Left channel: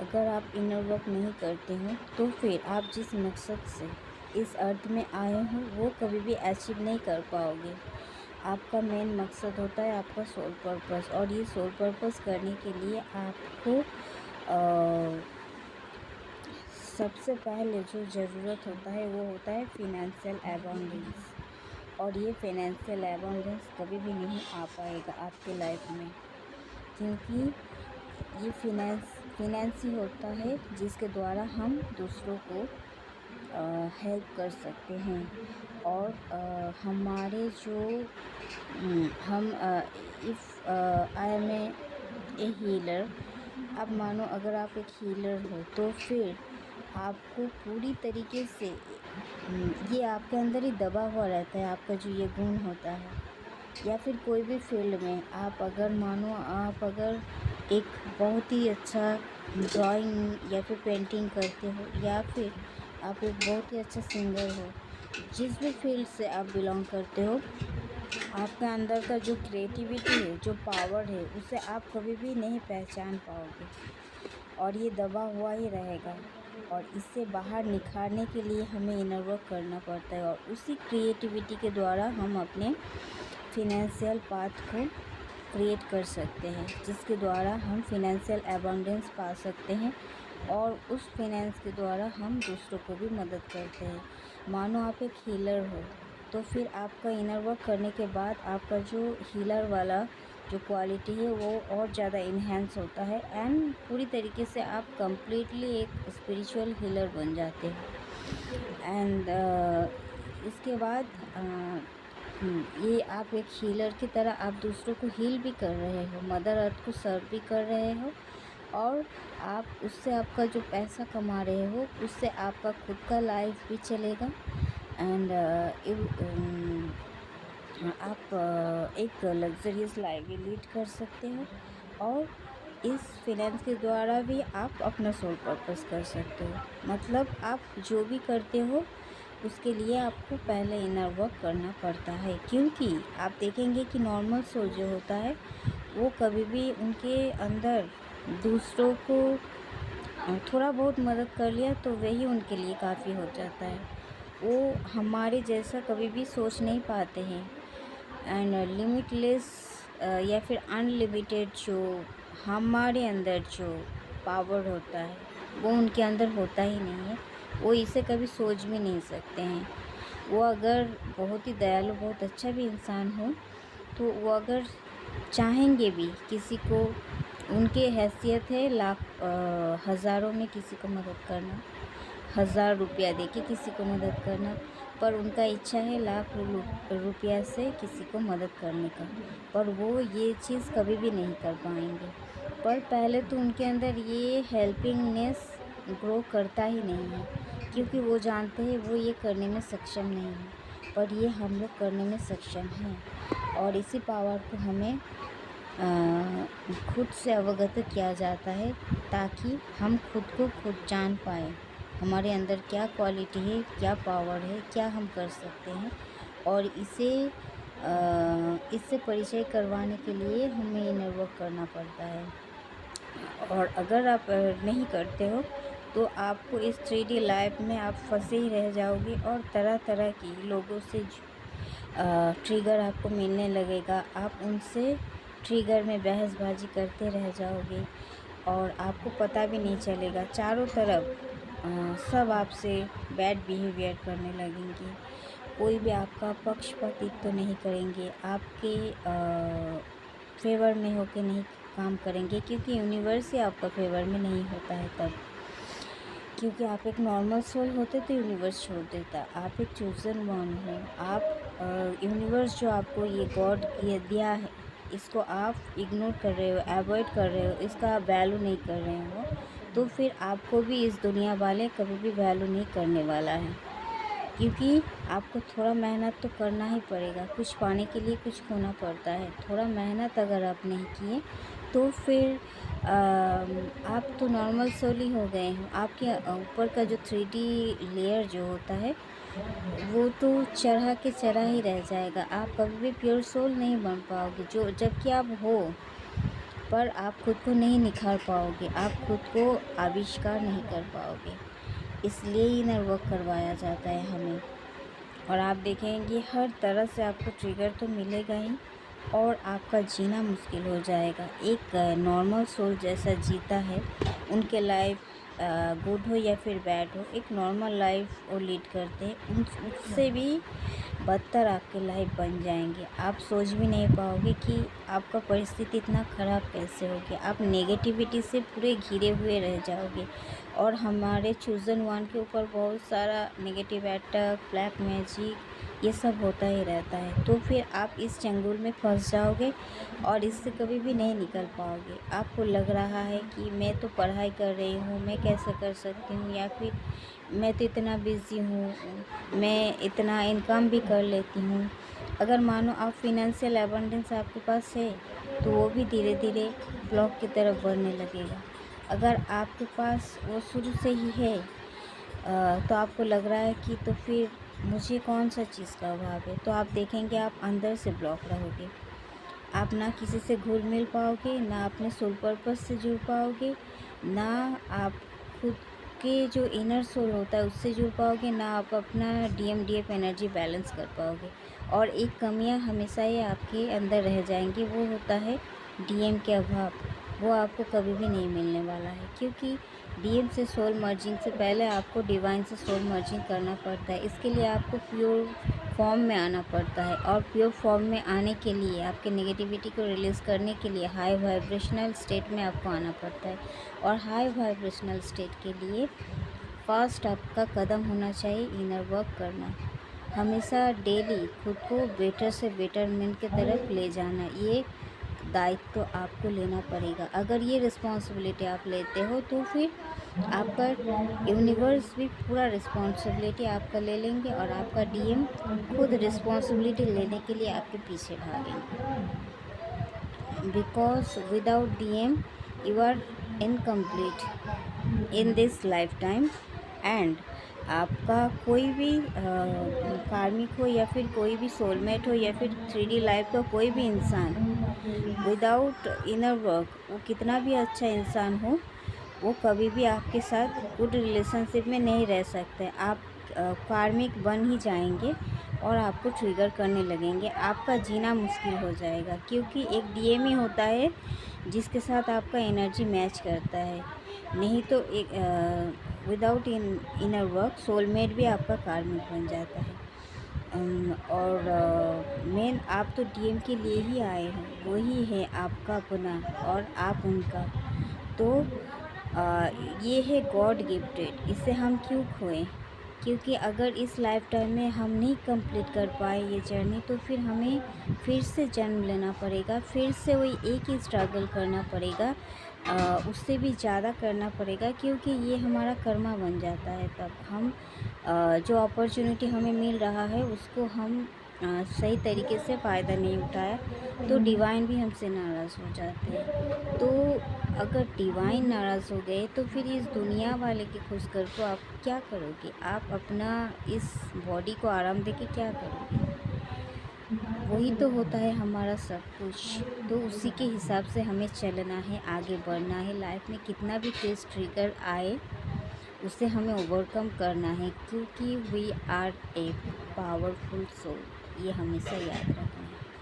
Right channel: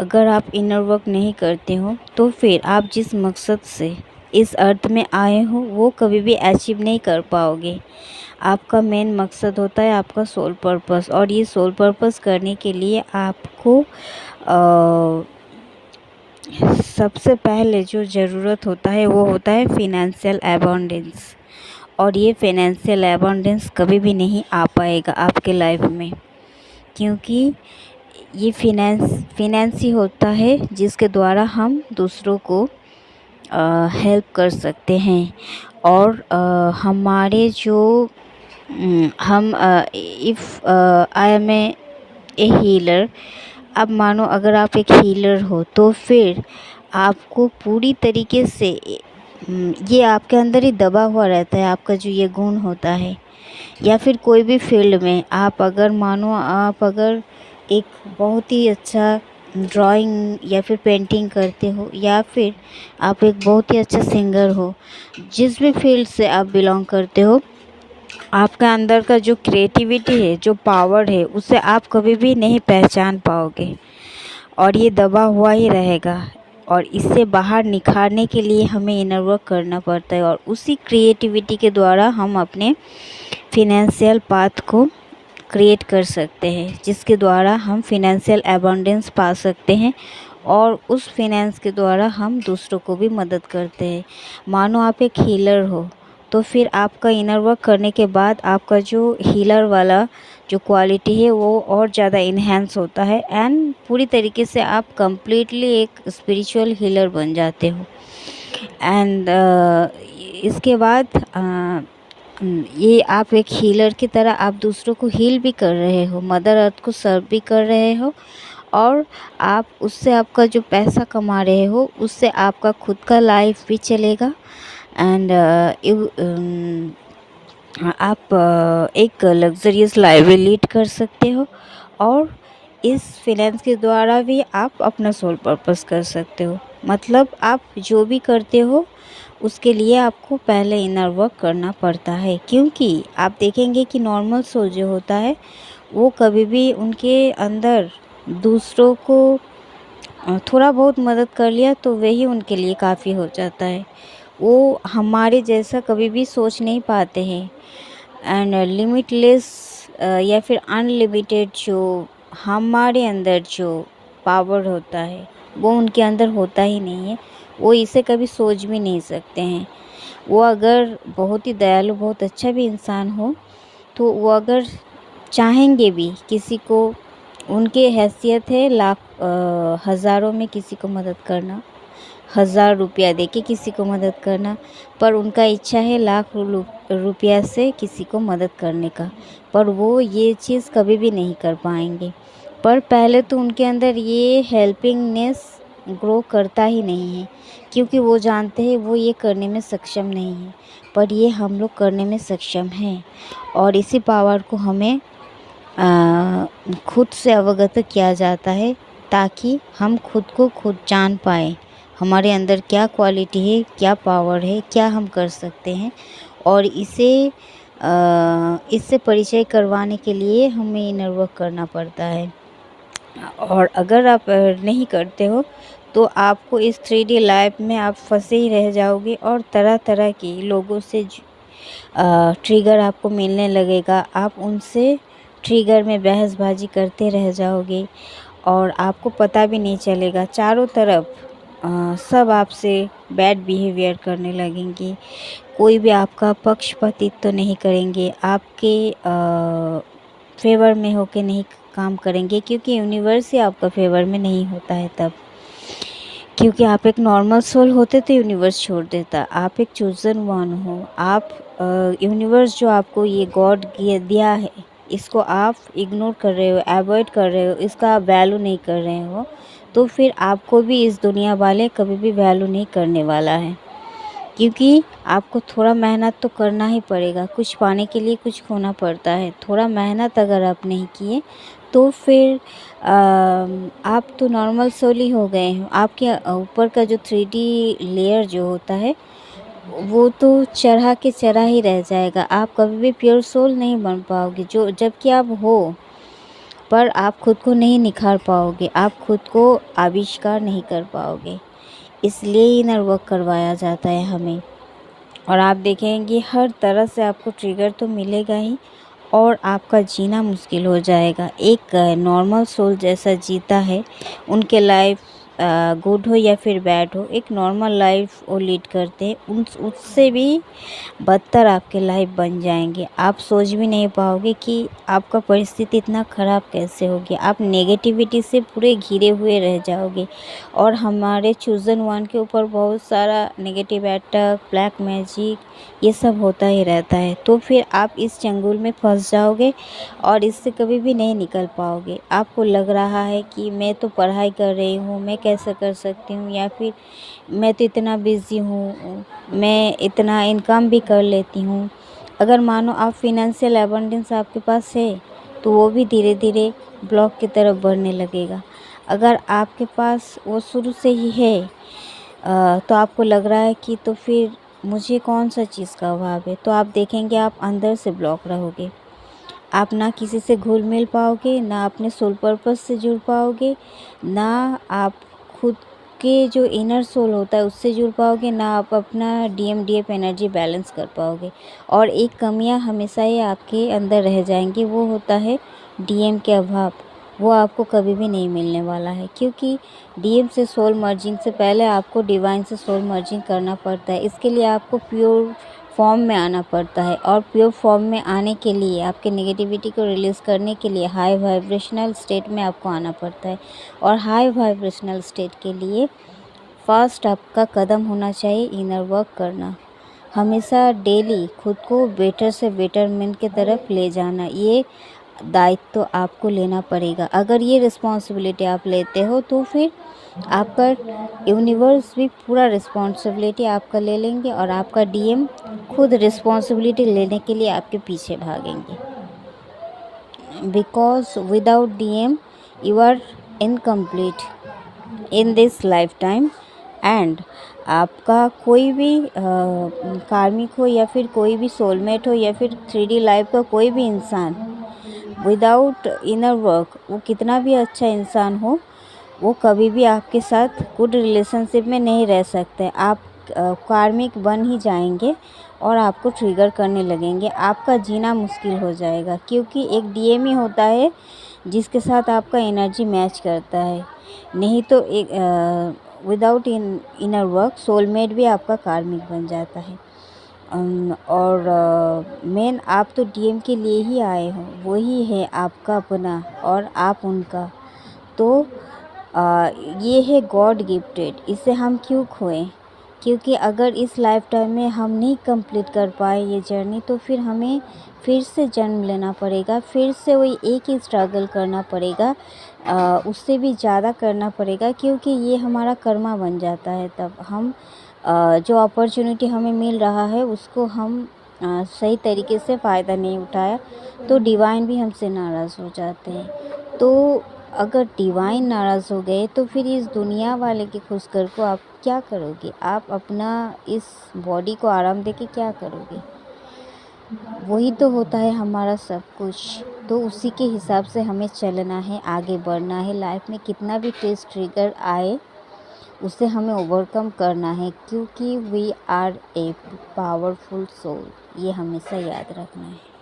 अगर आप inner work नहीं करते हो तो फिर आप जिस मकसद से इस अर्थ में आए हो वो कभी भी अचीव नहीं कर पाओगे। आपका मेन मकसद होता है आपका सोल पर्पस, और ये सोल पर्पस करने के लिए आपको सबसे पहले जो ज़रूरत होता है वो होता है फिनेंशियल अबंडेंस। और ये फिनेंशियल अबंडेंस कभी भी नहीं आ पाएगा आपके लाइफ में, क्योंकि ये फिनेंस ही होता है जिसके द्वारा हम दूसरों को हेल्प कर सकते हैं। और हमारे जो हम if I am a healer, अब मानो अगर आप एक हीलर हो तो फिर आपको पूरी तरीके से ये आपके अंदर ही दबा हुआ रहता है, आपका जो ये गुण होता है। या फिर कोई भी फील्ड में आप अगर मानो आप अगर एक बहुत ही अच्छा ड्राइंग या फिर पेंटिंग करते हो, या फिर आप एक बहुत ही अच्छा सिंगर हो, जिस भी फील्ड से आप बिलोंग करते हो, आपका अंदर का जो क्रिएटिविटी है, जो पावर है, उसे आप कभी भी नहीं पहचान पाओगे और ये दबा हुआ ही रहेगा। और इससे बाहर निखारने के लिए हमें इनर वर्क करना पड़ता है, और उसी क्रिएटिविटी के द्वारा हम अपने फिनेंशियल पाथ को क्रिएट कर सकते हैं, जिसके द्वारा हम फिनेंशियल अबंडेंस पा सकते हैं और उस फिनेंस के द्वारा हम दूसरों को भी मदद करते हैं। मानो आप एक हीलर हो तो फिर आपका इनर वर्क करने के बाद आपका जो हीलर वाला जो क्वालिटी है वो और ज़्यादा इन्हेंस होता है, एंड पूरी तरीके से आप कंप्लीटली एक स्पिरिचुअल हीलर बन जाते हो। एंड इसके बाद ये आप एक हीलर की तरह आप दूसरों को हील भी कर रहे हो, मदर अर्थ को सर्व भी कर रहे हो, और आप उससे आपका जो पैसा कमा रहे हो उससे आपका खुद का लाइफ भी चलेगा। एंड आप एक लग्जरियस लाइफ भी लीड कर सकते हो, और इस फाइनेंस के द्वारा भी आप अपना सोल पर्पस कर सकते हो। मतलब आप जो भी करते हो उसके लिए आपको पहले इनर वर्क करना पड़ता है, क्योंकि आप देखेंगे कि नॉर्मल सोल जो होता है वो कभी भी उनके अंदर दूसरों को थोड़ा बहुत मदद कर लिया तो वही उनके लिए काफ़ी हो जाता है। वो हमारे जैसा कभी भी सोच नहीं पाते हैं। एंड लिमिटलेस या फिर अनलिमिटेड जो हमारे अंदर जो पावर होता है वो उनके अंदर होता ही नहीं है। वो इसे कभी सोच भी नहीं सकते हैं। वो अगर बहुत ही दयालु, बहुत अच्छा भी इंसान हो तो वो अगर चाहेंगे भी किसी को, उनके हैसियत है लाख हज़ारों में किसी को मदद करना, 1000 रुपया दे के किसी को मदद करना, पर उनका इच्छा है लाख रुपया से किसी को मदद करने का, पर वो ये चीज़ कभी भी नहीं कर पाएंगे। पर पहले तो उनके अंदर ये हेल्पिंगनेस ग्रो करता ही नहीं है, क्योंकि वो जानते हैं वो ये करने में सक्षम नहीं है, पर ये हम लोग करने में सक्षम हैं। और इसी पावर को हमें खुद से अवगत किया जाता है, ताकि हम खुद को खुद जान पाएँ हमारे अंदर क्या क्वालिटी है, क्या पावर है, क्या हम कर सकते हैं। और इससे परिचय करवाने के लिए हमें इनर वर्क करना पड़ता है। और अगर आप नहीं करते हो तो आपको इस 3D लाइफ में आप फंसे ही रह जाओगे, और तरह तरह के लोगों से ट्रिगर आपको मिलने लगेगा। आप उनसे ट्रिगर में बहसबाजी करते रह जाओगे और आपको पता भी नहीं चलेगा। चारों तरफ सब आपसे बैड बिहेवियर करने लगेंगे। कोई भी आपका पक्षपातित्व तो नहीं करेंगे, आपके फेवर में होके नहीं काम करेंगे, क्योंकि यूनिवर्स ही आपका फेवर में नहीं होता है तब। क्योंकि आप एक नॉर्मल सोल होते तो यूनिवर्स छोड़ देता। आप एक चूज़न वन हो। आप यूनिवर्स जो आपको ये गॉड दिया है, इसको आप इग्नोर कर रहे हो, अवॉइड कर रहे हो, इसका आप वैल्यू नहीं कर रहे हो, तो फिर आपको भी इस दुनिया वाले कभी भी वैल्यू नहीं करने वाला है। क्योंकि आपको थोड़ा मेहनत तो करना ही पड़ेगा, कुछ पाने के लिए कुछ खोना पड़ता है। थोड़ा मेहनत अगर आप नहीं किए तो फिर आप तो नॉर्मल सोल ही हो गए हो। आपके ऊपर का जो 3D लेयर जो होता है वो तो चढ़ा के चढ़ा ही रह जाएगा। आप कभी भी प्योर सोल नहीं बन पाओगे, जो जबकि आप हो। पर आप खुद को नहीं निखार पाओगे, आप खुद को आविष्कार नहीं कर पाओगे। इसलिए इनर वर्क करवाया जाता है हमें। और आप देखेंगे हर तरह से आपको ट्रिगर तो मिलेगा ही, और आपका जीना मुश्किल हो जाएगा। एक नॉर्मल सोल जैसा जीता है, उनके लाइफ गुड हो या फिर बैड हो, एक नॉर्मल लाइफ वो लीड करते हैं, उन उससे भी बदतर आपके लाइफ बन जाएंगे। आप सोच भी नहीं पाओगे कि आपका परिस्थिति इतना ख़राब कैसे हो गया। आप नेगेटिविटी से पूरे घिरे हुए रह जाओगे। और हमारे चूज़न वन के ऊपर बहुत सारा नेगेटिव अटैक, ब्लैक मैजिक, ये सब होता ही रहता है। तो फिर आप इस चंगुल में फंस जाओगे और इससे कभी भी नहीं निकल पाओगे। आपको लग रहा है कि मैं तो पढ़ाई कर रही हूँ, मैं कैसे कर सकती हूँ, या फिर मैं तो इतना बिज़ी हूँ, मैं इतना इनकम भी कर लेती हूँ। अगर मानो आप फिनेंशियल एबंडेंस आपके पास है, तो वो भी धीरे धीरे ब्लॉक की तरफ बढ़ने लगेगा। अगर आपके पास वो शुरू से ही है, तो आपको लग रहा है कि तो फिर मुझे कौन सा चीज़ का अभाव है, तो आप देखेंगे आप अंदर से ब्लॉक रहोगे। आप ना किसी से घुल मिल पाओगे, ना अपने सोल पर्पस से जुड़ पाओगे, ना आप खुद के जो इनर सोल होता है उससे जुड़ पाओगे, ना आप अपना डीएफ एनर्जी बैलेंस कर पाओगे। और एक कमियां हमेशा ही आपके अंदर रह जाएंगी, वो होता है डीएम के अभाव। वो आपको कभी भी नहीं मिलने वाला है, क्योंकि डीएम से सोल मर्जिंग से पहले आपको डिवाइन से सोल मर्जिंग करना पड़ता है। इसके लिए आपको प्योर फॉर्म में आना पड़ता है, और प्योर फॉर्म में आने के लिए, आपके नेगेटिविटी को रिलीज़ करने के लिए हाई वाइब्रेशनल स्टेट में आपको आना पड़ता है। और हाई वाइब्रेशनल स्टेट के लिए फर्स्ट आपका कदम होना चाहिए इनर वर्क करना। हमेशा डेली खुद को बेटर से बेटरमेंट की तरफ ले जाना, ये दायित्व तो आपको लेना पड़ेगा। अगर ये रिस्पॉन्सिबिलिटी आप लेते हो, तो फिर आपका यूनिवर्स भी पूरा रिस्पॉन्सिबिलिटी आपका ले लेंगे, और आपका डीएम खुद रिस्पॉन्सिबिलिटी लेने के लिए आपके पीछे भागेंगे। Because without DM you are incomplete in this lifetime. And आपका कोई भी कार्मिक हो, या फिर कोई भी सोलमेट हो, या फिर 3D लाइफ का कोई भी इंसान, विदाउट इनर वर्क वो कितना भी अच्छा इंसान हो, वो कभी भी आपके साथ गुड रिलेशनशिप में नहीं रह सकते। आप कार्मिक बन ही जाएंगे और आपको ट्रिगर करने लगेंगे। आपका जीना मुश्किल हो जाएगा, क्योंकि एक डीएम ही होता है जिसके साथ आपका एनर्जी मैच करता है। नहीं तो एक विदाउट इनर वर्क सोलमेट भी आपका कार्मिक बन जाता है। और मेन आप तो डीएम के लिए ही आए हो, वही है आपका अपना और आप उनका। तो ये है गॉड गिफ्टेड, इसे हम क्यों खोएं? क्योंकि अगर इस लाइफ टाइम में हम नहीं कंप्लीट कर पाए ये जर्नी, तो फिर हमें फिर से जन्म लेना पड़ेगा, फिर से वही एक ही स्ट्रगल करना पड़ेगा, उससे भी ज़्यादा करना पड़ेगा, क्योंकि ये हमारा कर्मा बन जाता है। तब हम जो अपॉर्चुनिटी हमें मिल रहा है उसको हम सही तरीके से फ़ायदा नहीं उठाया, तो डिवाइन भी हमसे नाराज़ हो जाते हैं। तो अगर डिवाइन नाराज़ हो गए, तो फिर इस दुनिया वाले के खुशकर को आप क्या करोगे? आप अपना इस बॉडी को आराम देके क्या करोगे? वही तो होता है हमारा सब कुछ। तो उसी के हिसाब से हमें चलना है, आगे बढ़ना है। लाइफ में कितना भी टेस्ट ट्रिगर आए, उसे हमें ओवरकम करना है, क्योंकि we are a powerful soul. ये हमेशा याद रखना है।